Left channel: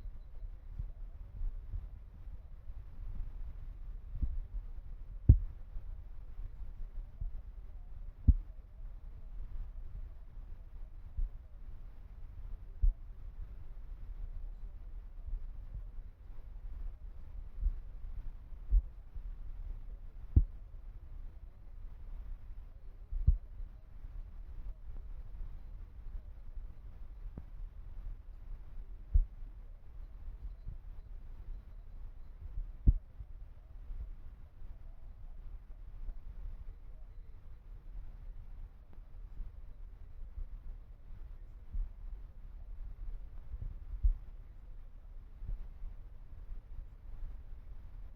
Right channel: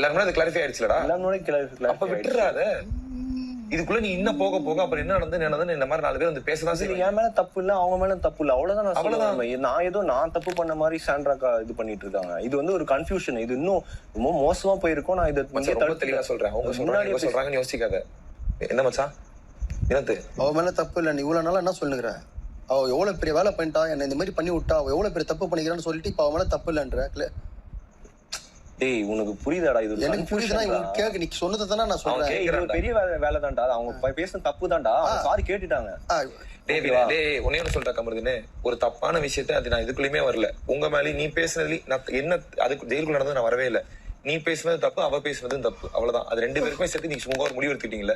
எல்லாருமே அது கிளாரிஃபை ஆயிடுச்சுலடா. எல்லாரும் கிளாரிஃபை. அப்ப விட்டுறாத. இதுக்குள்ள நீ இன்னும் போக போக அப்புறம் என்ன நடந்தது இந்த மாதிரி 4 பேர் வந்து பேசதான் செய்வாங்க. என் மேல தப்பு இல்ல, அவங்க மேல தப்பு இல்ல, அவ்வளவுதான் நான் சொல்லுவேன். நான் ஏதோ நான் தப்பு பண்ண மாதிரி சாண்ட்ராக்கா இது பண்ணிட்டு இருக்காங்க. இது வந்து ஒரு கன்ஃபியூஷன். இது இன்னும் ரொம்ப மோசமா போயிருக்கும். நான் இதை ரொம்ப தெளிவா சொல்றேன். அவங்க சொல்றாங்கன்னு யோசிக்காத. என்ன மச்சான் என்னது அவ மேல தப்பு இல்ல. நீ இவ்வளவு நாளா என்ன சொல்லுங்கிற? அவ எவ்வளவு பெரிய வேலை பண்ணிட்டா, என்ன இந்த மாதிரி பண்ணி விட்டா, அவ எவ்வளவு பெரிய தப்பு பண்ணிக்கிறான்னு சொல்லிட்டு இப்ப அவ மேல தப்பு இல்லன்ற. டேய் உனக்கு புரியுதாடா? இது எனக்கு புரியுதுன்னா இவங்க கேட்க நீ சொன்னதை தானே நான் சொல்றேன். இது பெரிய வேலை தான்டா. அவங்க பேசுன தப்பு தான்டா. சாரி கேட்டுட்டாங்க. ஒன்னே சொல்ற கமருதுன்னு ஒரு தப்பான விஷயத்த அது நான் இதுக்குள்ளயுமே வரல. உங்க மேலே நீ பேசுனதுல நான் என்ன அதுக்கு ஜெயிலுக்குள்ள நடந்தது நான் வரவே இல்லை. நீ பேசுனது தப்பு, அவ பேசுனதும் தப்பு, அவ்வளவுதான். அது 2 பேருக்குமே சேர்த்து நீங்க சும்மா ஒரு முடிவு எடுத்துட்டீங்கல்ல,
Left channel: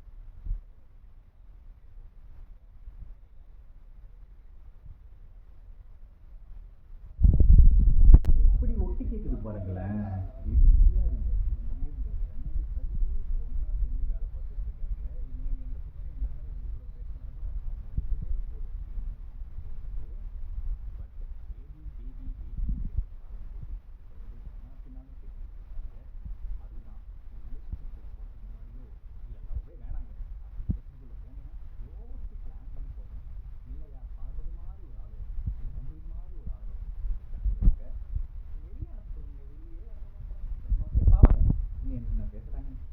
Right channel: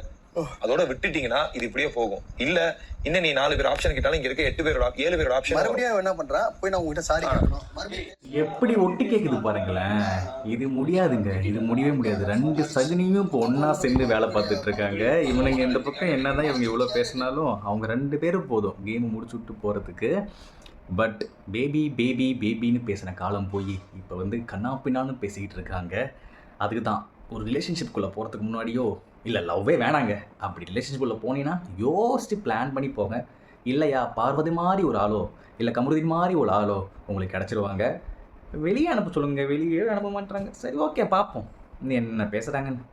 அதோட விட்டுட்டீங்கன்னா இது இப்படியே போகும். இல்ல இன்னும் நீ 4 பேர் ஆப்ஷன் கேட்டாலும் இங்க இருக்க 8 பேரோட 7 பேரோட ஆப்ஷன். மறுபடியும் என்ன பண்றா? போய் நான் உங்ககிட்ட சாரி கேட்கணும். எப்படி ஒட்டி கேக்குது பாருங்களேன். இது முடியாதுங்க, இது முடியவே முடியாது. 2 சகுனியும் இப்போ ஒன்னா சேர்ந்து வேலை பார்த்துட்டு இருக்காங்க. இவனுங்க இந்த பக்கம் என்னதான் இவங்க இவ்வளவு பேசினாலும் அவங்க 2 பேரும் போதும் கேம் முடிச்சு விட்டு போறதுக்கு. பட் பேபி பேபி பேபின்னு பேசின காலம் போய் இப்போ வந்து கண்ணாப்பின்னான்னு பேசிக்கிட்டு இருக்காங்க. அதுக்கு தான் ஒரு ரிலேஷன்ஷிப்குள்ளே போகிறதுக்கு முன்னாடியோ இல்லை லவ்வே வேணாங்க, அப்படி ரிலேஷன்ஷிப்குள்ளே போனீங்கன்னா யோசிச்சு பிளான் பண்ணி போங்க. இல்லையா பார்வதி மாதிரி ஒரு ஆளோ இல்லை கமருதீன் மாதிரி ஒரு ஆளோ உங்களுக்கு கிடச்சிருவாங்க. வெளியே அனுப்ப சொல்லுங்கள், வெளியே அனுப்ப மாட்டாங்க. சரி ஓகே பார்ப்போம் என்ன பேசுகிறாங்கன்னு.